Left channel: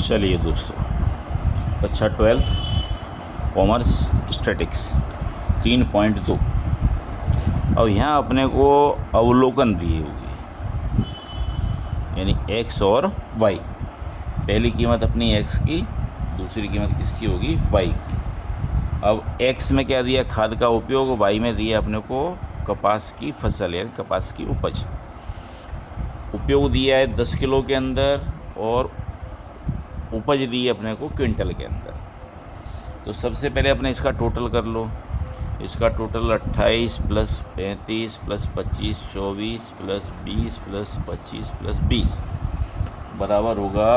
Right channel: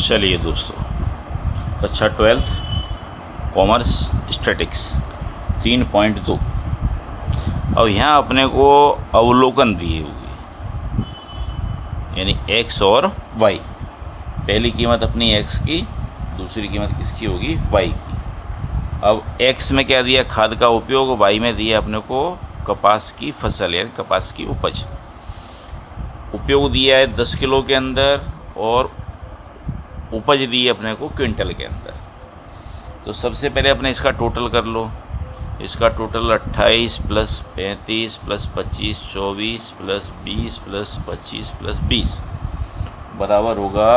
चलिए दोस्तों, कक्षा 12 कॉमर्स स्टैटिक्स 3.2। अब यहाँ अपने को अवलोकन दिए हुए, यानी x और y। पहली कीमत अपनी x की, दूसरी कीमत किसकी होगी, y की। अब x में क्या दिया, खाद का उपयोग, y में दिया अपने को कपास की फसल यानी कपास की उपज। उपयोग दिया है 10 किलो के अंदर और उपज दी है अपने को क्विंटल के अंदर। तो सबसे पहले अपने इसका टोटल कर लो। इसका total 28 plus 35 plus 25 24 plus 20 plus 25 plus 20 बराबर होगा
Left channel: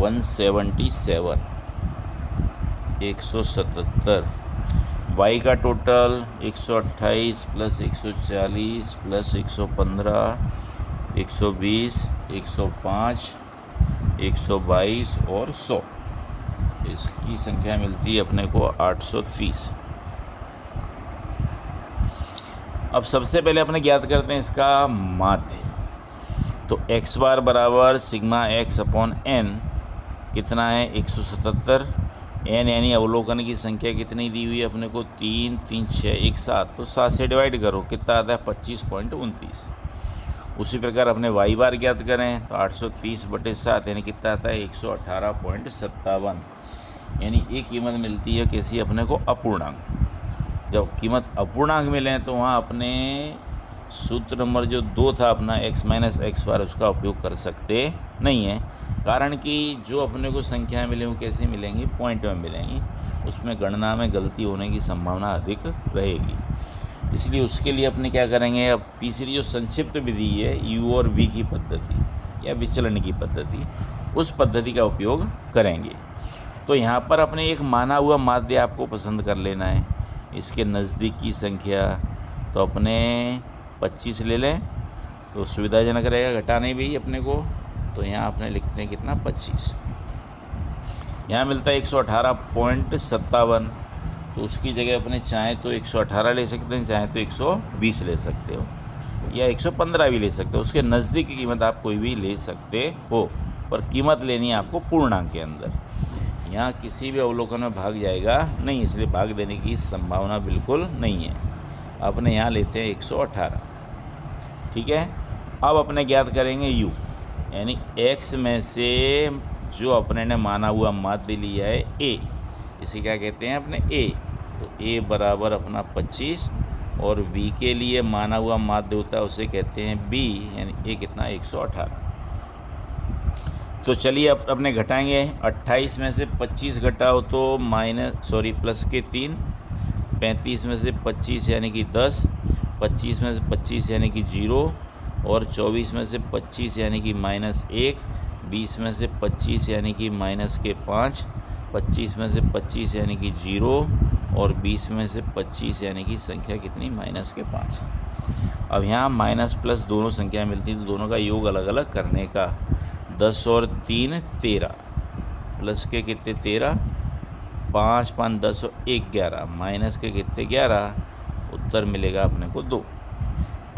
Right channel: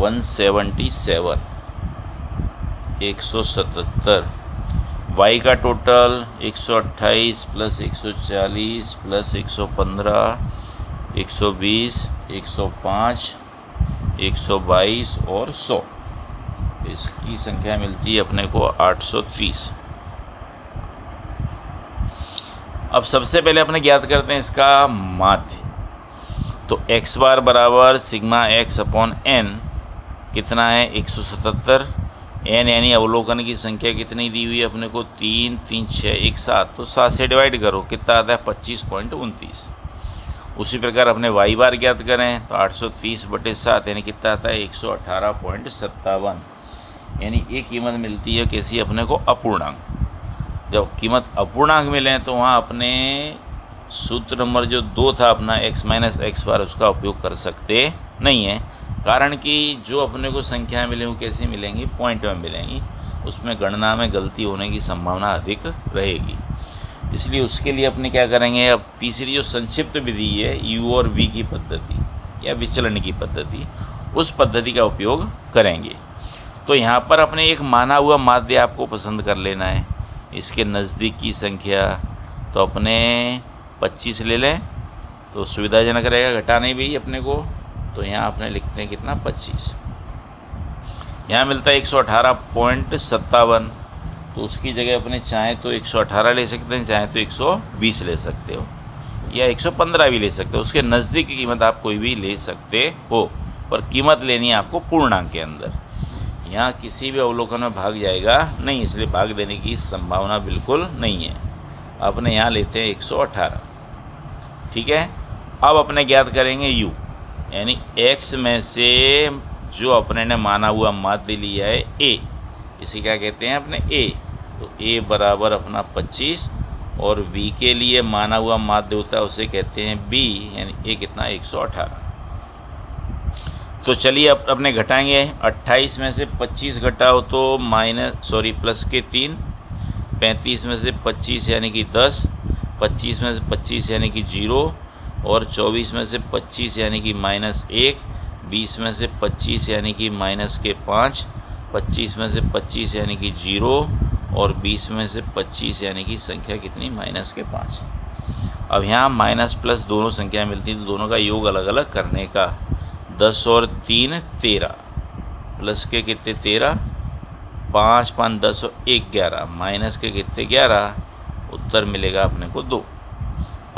177 177। वाई का टोटल 128 प्लस 140 प्लस 115 120 105 122 और 100। इसकी संख्या मिलती है अपने को 830। अब सबसे पहले अपने ज्ञात करते हैं इसका माध्य। तो x बार बराबर सिग्मा x अपॉन n कितना है 177। n यानी अवलोकन की संख्या कितनी दी हुई है अपने को 3 3 6 1 7। तो 7 से डिवाइड करो, कितना आता है 25.29। उसी प्रकार अपने y बार ज्ञात करें तो 830/7 यानी कितना आता है 118.57। यानी ये कीमत मिलती है कैसी अपने को, अपूर्णांक। जब कीमत अपूर्णांक मिले तो वहाँ अपने सूत्र नंबर जो 2 था अपना x माइनस x बार, उसका उपयोग कर सकते नहीं है। कारण कि जो अपने को संख्याएँ मिलेंगी वो कैसे मिलेंगी, पॉइंट में मिलेंगी। उसमें गणना में गलती होने की संभावना अधिक रहेगी। इसलिए उसके लिए अपने क्या करेंगे, अब तीसरी जो संक्षिप्त विधि है u और v की पद्धति या विचलन की पद्धति, उस पद्धति का उपयोग करेंगे। तो यहाँ पर अपने एक माना हुआ माध्य आपको पसंद कर लेना है। इसके नज़दीक की संख्या तो अपने 25 ले लें तो सुविधाजनक रहेगा, घटाने भी अपने को। तो यहाँ अपने लिखते हैं कितना 25। यहाँ मिलता है 118.57। तो उसकी जगह अपने चाहें तो 118 ले सकते हैं, चाहें तो 120 ले सकते हो या 115 भी ले सकते हो। उसके नज़दीक की कीमत आप कोई भी ले सकते हो, पर कीमत लेनी है आपको पूर्णांक के अंदर। यहाँ किसी भी अवलोकन में भाग जाएगा नहीं, इसलिए भाग देने की संभावना बिल्कुल नहीं है। अपने यहाँ लेते हैं 118, ठीक है। अब अपने ज्ञात करेंगे u, यानी x में से जो अपने ने माना हुआ माध्य लिया है a, इसे क्या कहते हैं अपने a। तो a बराबर अपना 25 और v के लिए माना हुआ माध्य होता है उसे कहते हैं b, यानी a कितना 118। तो चलिए अब अपने घटाएंगे। 28 में से 25 घटाओ तो प्लस के 3, 35 में से 25 यानी कि 10, 25 में से 25 यानी कि 0 और 24 में से 25 यानी कि -1, 20 में से 25 यानी कि -5, 25 में से 25 यानी कि 0 और 20 में से 25 यानी कि संख्या कितनी -5। अब यहाँ माइनस प्लस दोनों संख्या मिलती हैं तो दोनों का योग अलग अलग करने का। 10 और 3 13, प्लस के कितने 13, 5 5 10 और 1 11, माइनस के कितने 11। उत्तर मिलेगा अपने को 2।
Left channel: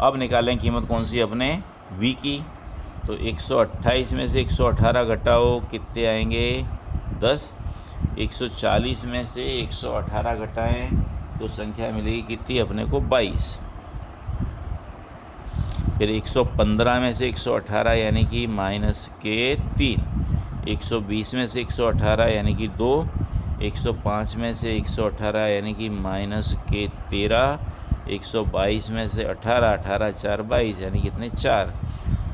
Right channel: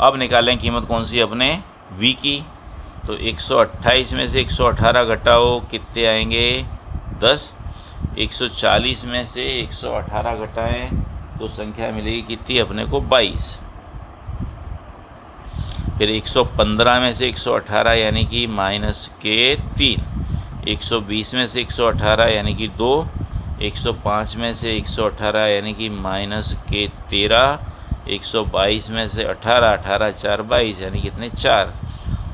अब निकालें कीमत कौन सी अपने v की। तो 128 में से 118 घटाओ, कितने आएंगे 10। 140 में से 118 घटाएं तो संख्या मिलेगी कितनी अपने को 22। फिर 115 में से 118 यानी कि -3, 120 में से 118 यानी कि 2, 105 में से 118 यानी कि -13, 122 में से 18 18 4 22 यानी कितने 4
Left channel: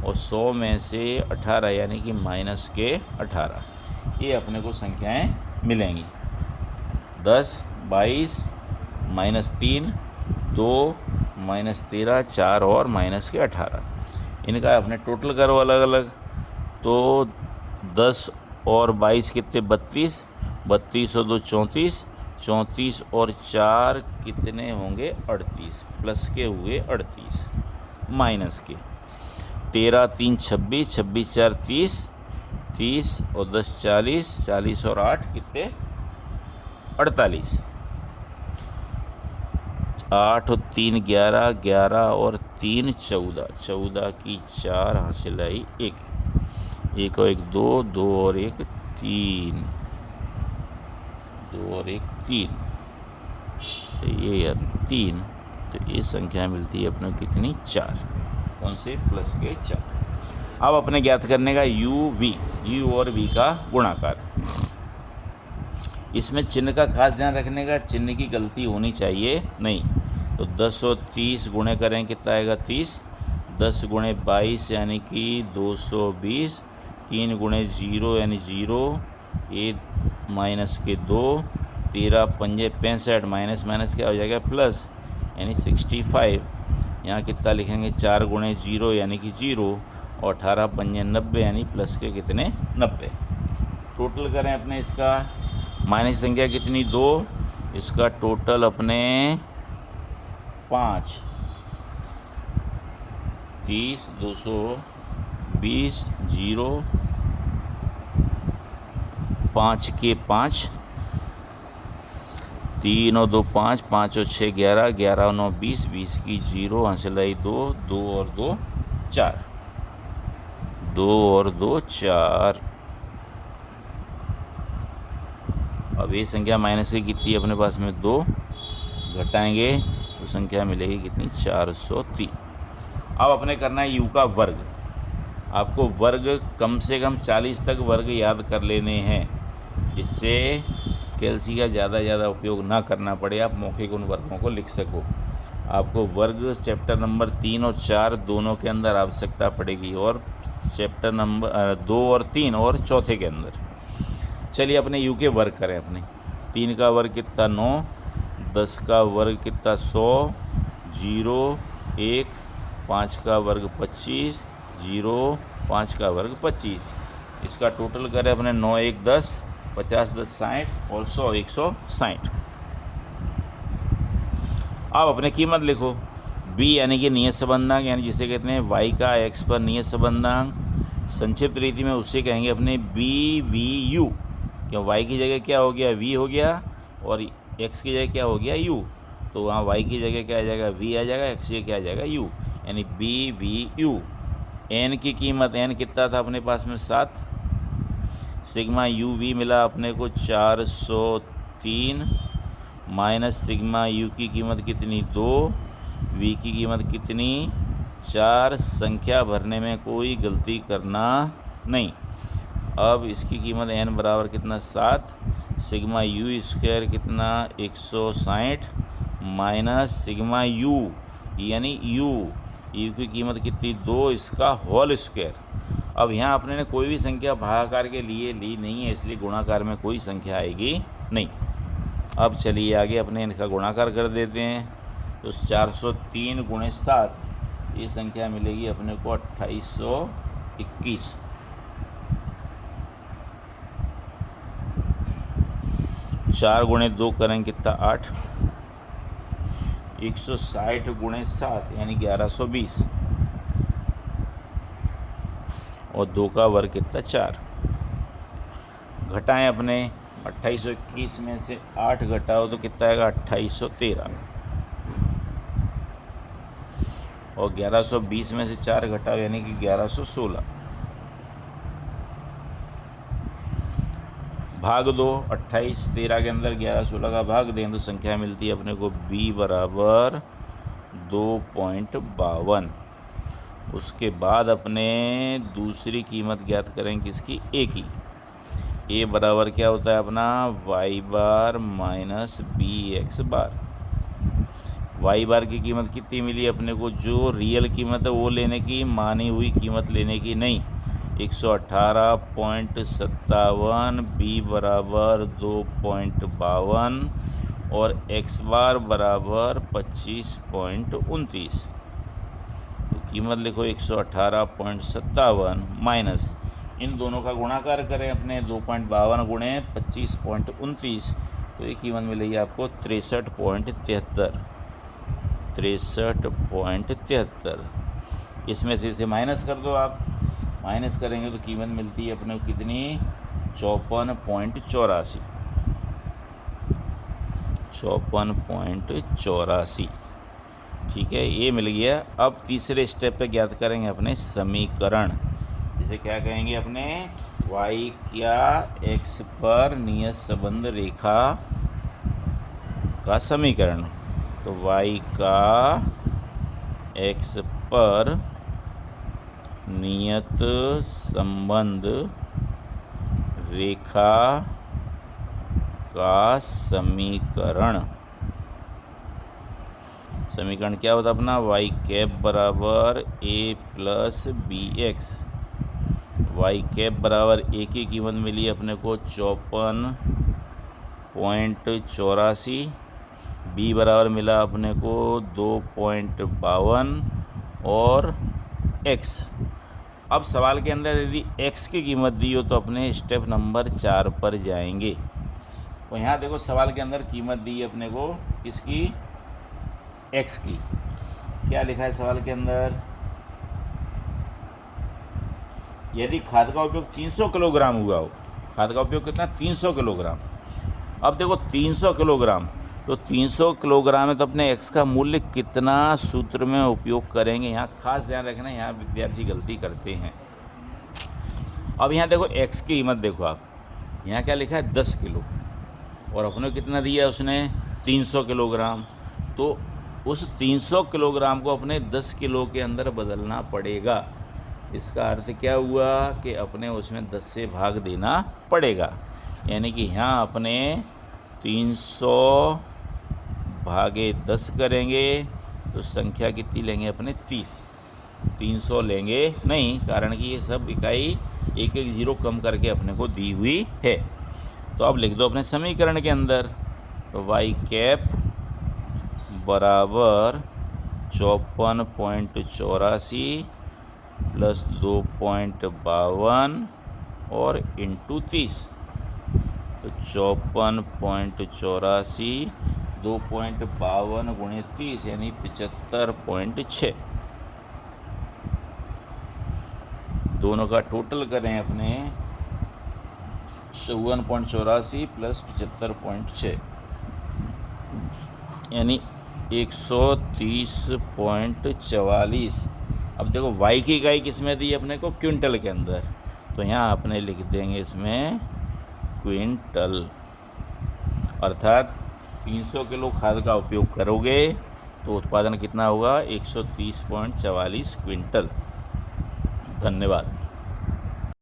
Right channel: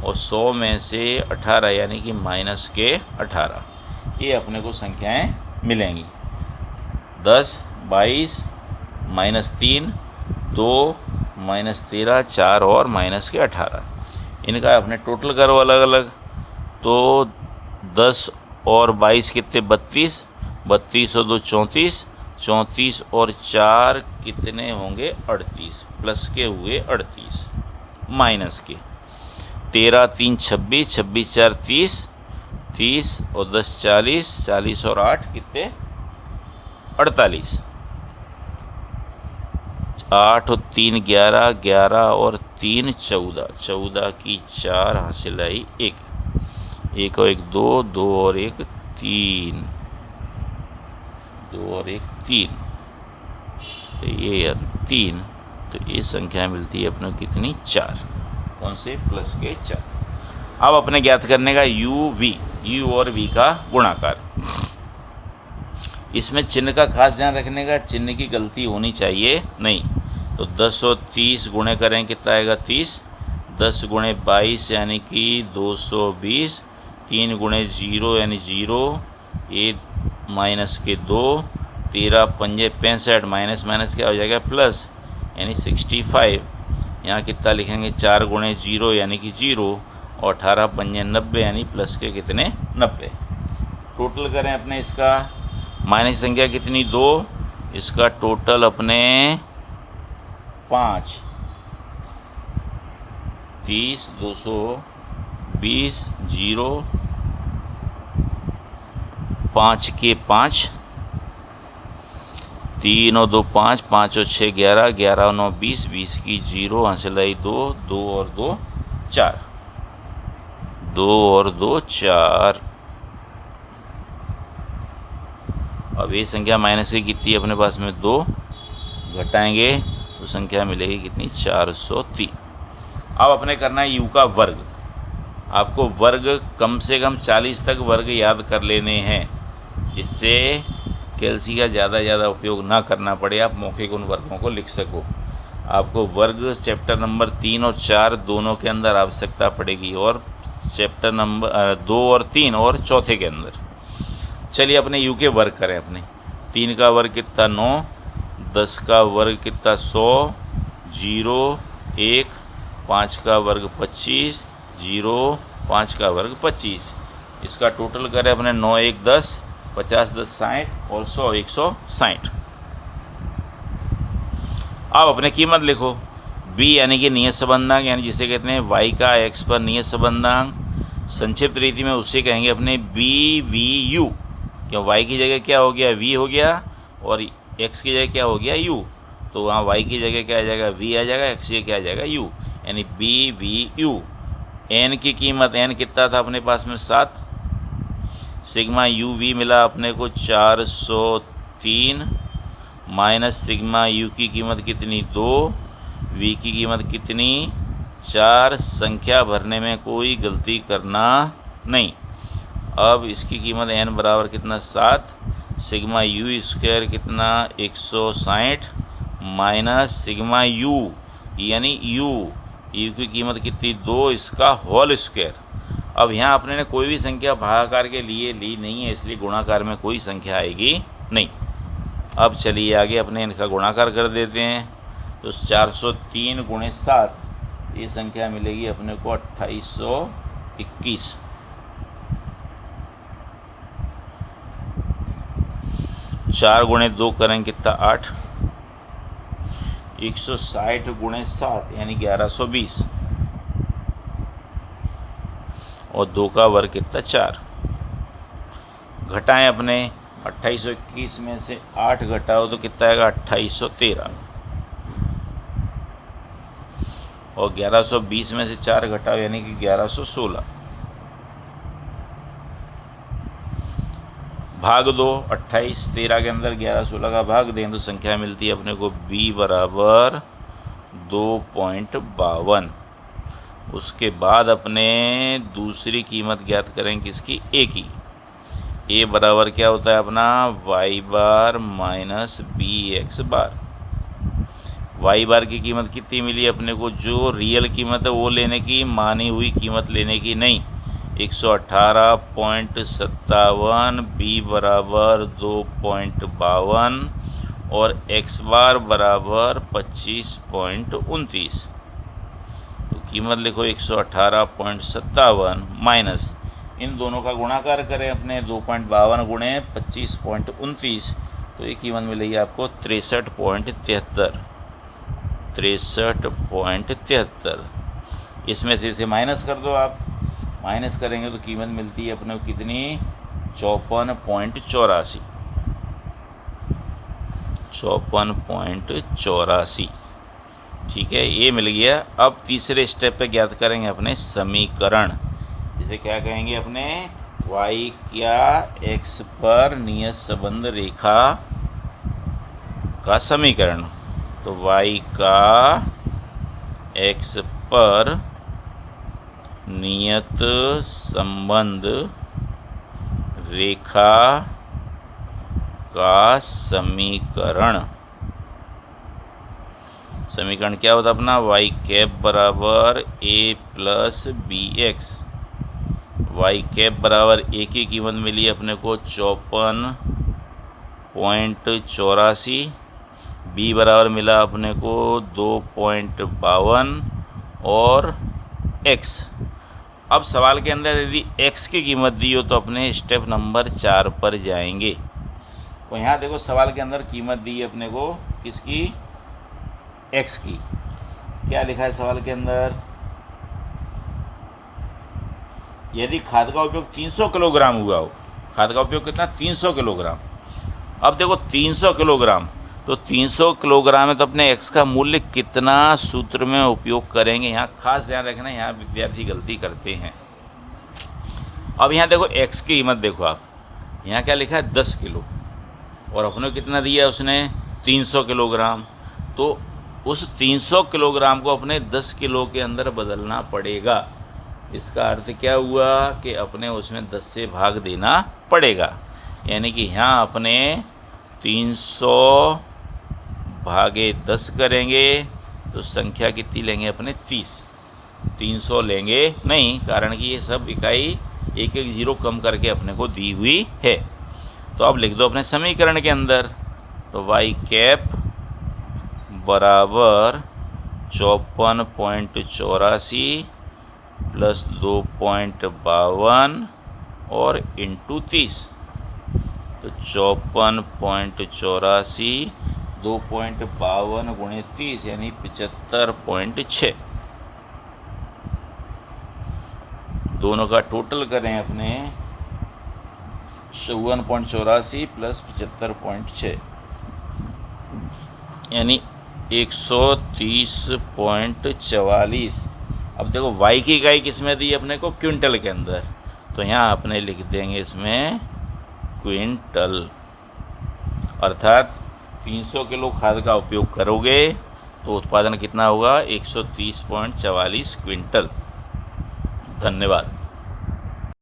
और 100 में से 18 यानी कि -18। ये अपने को संख्याएं मिलेंगी 10 22 -3 2 -13 4 और -18। इनका अपने टोटल करो अलग अलग। तो 10 और 22 कितने 32, 32 और 2 34, 34 और 4 कितने होंगे 38, प्लस के हुए 38, माइनस के 13 3 26, 26 4 30, 30 और 10 40, 40 और 8 कितने 48, 8 और 3 11, 11 और 3 14, 14 की 4 हासिल आई 1, 1 और 1 2, 2 और 1 3, 2 और 1 3, तो ये 3, तो ये संख्या मिलती है अपने कितनी 4। कौन से? प्लस के 4। अब अपने ज्ञात करने का यू और वी का गुणाकार। इसमें चिन्ह का खास ध्यान रखने का, चिन्ह की गलती होनी चाहिए नहीं। तो 10 और 30 गुणे करें कितना आएगा 30, 10 गुणे 22 यानी कि 220, 3 गुणे 0 यानी 0, ये माइनस के 2, 13 पंजे 65, माइनस माइनस क्या हो जाएगा प्लस यानी 65। यहाँ कितना लिखेंगे 4 गुणे 0 यानी कि 0, और 18 पंजे 90 यानी प्लस के कितने 90। टोटल करें अपने इसका, माइनस संख्या कितनी 2, इसका टोटल अपने 5, 30, 220, 0, 5 के 5, 3 और 2 5, 5 और 6 11, 11 और 9 20, 20 की 0, हासिल आई 2, 2 और 2 4, 2 और 2 4। अब ये संख्या माइनस की कितनी है अपने पास में 2, घटाएंगे तो संख्या मिलेगी कितनी 403। अब अपने करना है यू का वर्ग। आपको वर्ग कम से कम 40 तक वर्ग याद कर लेने हैं, जिससे कैलसी का ज़्यादा उपयोग ना करना पड़े, आप मौखिक उन वर्गों को लिख सको। आपको वर्ग चैप्टर नंबर 3 और 4 दोनों के अंदर आवश्यकता पड़ेगी, और चैप्टर नंबर 2 और 3 और चौथे के अंदर। चलिए अपने यू के वर्ग करें। अपने 3 का वर्ग कितना 9, 10 का वर्ग कितना 100, 0 1, 5 का वर्ग 25, 0 5 का वर्ग 25। इसका टोटल करें अपने 9 1 10, 50 10 60 और 100 160। अब अपने कीमत लिखो। बी यानी कि नियत संबंधांक, यानी जिसे कहते हैं वाई का एक्स पर नियत संबंधांक। संक्षिप्त रीति में उसे कहेंगे अपने बी वी यू, क्यों वाई की जगह क्या हो गया वी हो गया, और एक्स की जगह क्या हो गया यू, तो वहाँ वाई की जगह क्या आ जाएगा वी आ जाएगा, एक्स की क्या आ जाएगा यू, यानी बी वी यू। एन की कीमत, एन कितना था अपने पास में 7, सिग्मा यू वी मिला अपने को 403, माइनस सिग्मा यू की कीमत कितनी 2, वी की कीमत कितनी 4। संख्या भरने में कोई गलती करना नहीं। अब इसकी कीमत n बराबर कितना 7, सिग्मा यू स्क्वायर कितना 160, माइनस सिग्मा यू यानी यू की कीमत कितनी 2, इसका होल स्क्वायर। अब यहाँ अपने ने कोई भी संख्या भागाकार के लिए ली नहीं है, इसलिए गुणाकार में कोई संख्या आएगी नहीं। अब चलिए आगे अपने इनका गुणाकार कर देते हैं। तो 403 गुणे 7, ये संख्या मिलेगी अपने को 2821। 4 गुणे 2 करें कितना 8, 160 गुणे 7 यानी 1120, और 2 का वर्ग कितना 4। घटाएं अपने 2821 में से 8 घटाओ तो कितना आएगा 2813, और 1120 में से 4 घटाओ यानी कि 1116। भाग दो 28 13 के अंदर 11 16 का भाग दें तो संख्या मिलती है अपने को b बराबर 2.52। उसके बाद अपने दूसरी कीमत ज्ञात करें किसकी a की। a बराबर क्या होता है अपना y बार माइनस बी एक्स बार। y बार की कीमत कितनी मिली अपने को, जो रियल कीमत है वो लेने की, मानी हुई कीमत लेने की नहीं, 118.57, बी बराबर 2.52 और x बार बराबर 25.29। तो कीमत लिखो 118.57 माइनस इन दोनों का गुणाकार करें अपने 2.52 गुणे 25.29, तो ये कीमत मिलेगी आपको 63.73। इसमें से इसे माइनस कर दो आप, माइनस करेंगे तो कीमत मिलती है अपने को कितनी 54.84। ठीक है, ये मिल गया। अब तीसरे स्टेप पे ज्ञात करेंगे अपने समीकरण, जिसे क्या कहेंगे अपने y क्या x पर नियत संबंध रेखा का समीकरण। तो y का x पर नियत संबंध रेखा का समीकरण क्या होता है अपना, वाई कैप बराबर a plus b x. Y cap बराबर a की कीमत मिली अपने को 54.84, b बराबर मिला अपने को 2.52 और x। अब सवाल के अंदर यदि x की कीमत दी हो तो अपने स्टेप नंबर 4 पर जाएंगे। तो यहाँ देखो सवाल के अंदर कीमत दी है अपने को किसकी, x की। क्या लिखा है सवाल के अंदर, यदि खाद का उपयोग 300 किलोग्राम हुआ हो, खाद का उपयोग कितना, 300 किलोग्राम। अब देखो 300 किलोग्राम, तो 300 किलोग्राम है तो अपने x का मूल्य कितना सूत्र में उपयोग करेंगे, यहाँ खास ध्यान रखना, यहाँ विद्यार्थी गलती करते हैं। अब यहाँ देखो x की कीमत देखो आप, यहाँ क्या लिखा है 10 किलो और अपने कितना दिया उसने 300 किलोग्राम। तो उस 300 किलोग्राम को अपने 10 किलो के अंदर बदलना पड़ेगा। इसका अर्थ क्या हुआ कि अपने उसमें 10 से भाग देना पड़ेगा। यानी कि यहाँ अपने 300 भागे 10 करेंगे तो संख्या कितनी लेंगे अपने 30। 300 लेंगे नहीं, कारण कि ये सब इकाई एक एक जीरो कम करके अपने को दी हुई है। तो अब लिख दो अपने समीकरण के अंदर, तो वाई कैप बराबर 54.84 प्लस 2.52 और इंटू 30। तो 54.84 2.52 गुणे 30 यानी 75.6। दोनों का टोटल करें अपने 54.84 प्लस 75.6 यानी 130.44। अब देखो y की इकाई किस में दी अपने को, क्विंटल के अंदर, तो यहाँ अपने लिख देंगे इसमें क्विंटल। अर्थात 300 किलो खाद का उपयोग करोगे तो उत्पादन कितना होगा, 130.44 क्विंटल। धन्यवाद।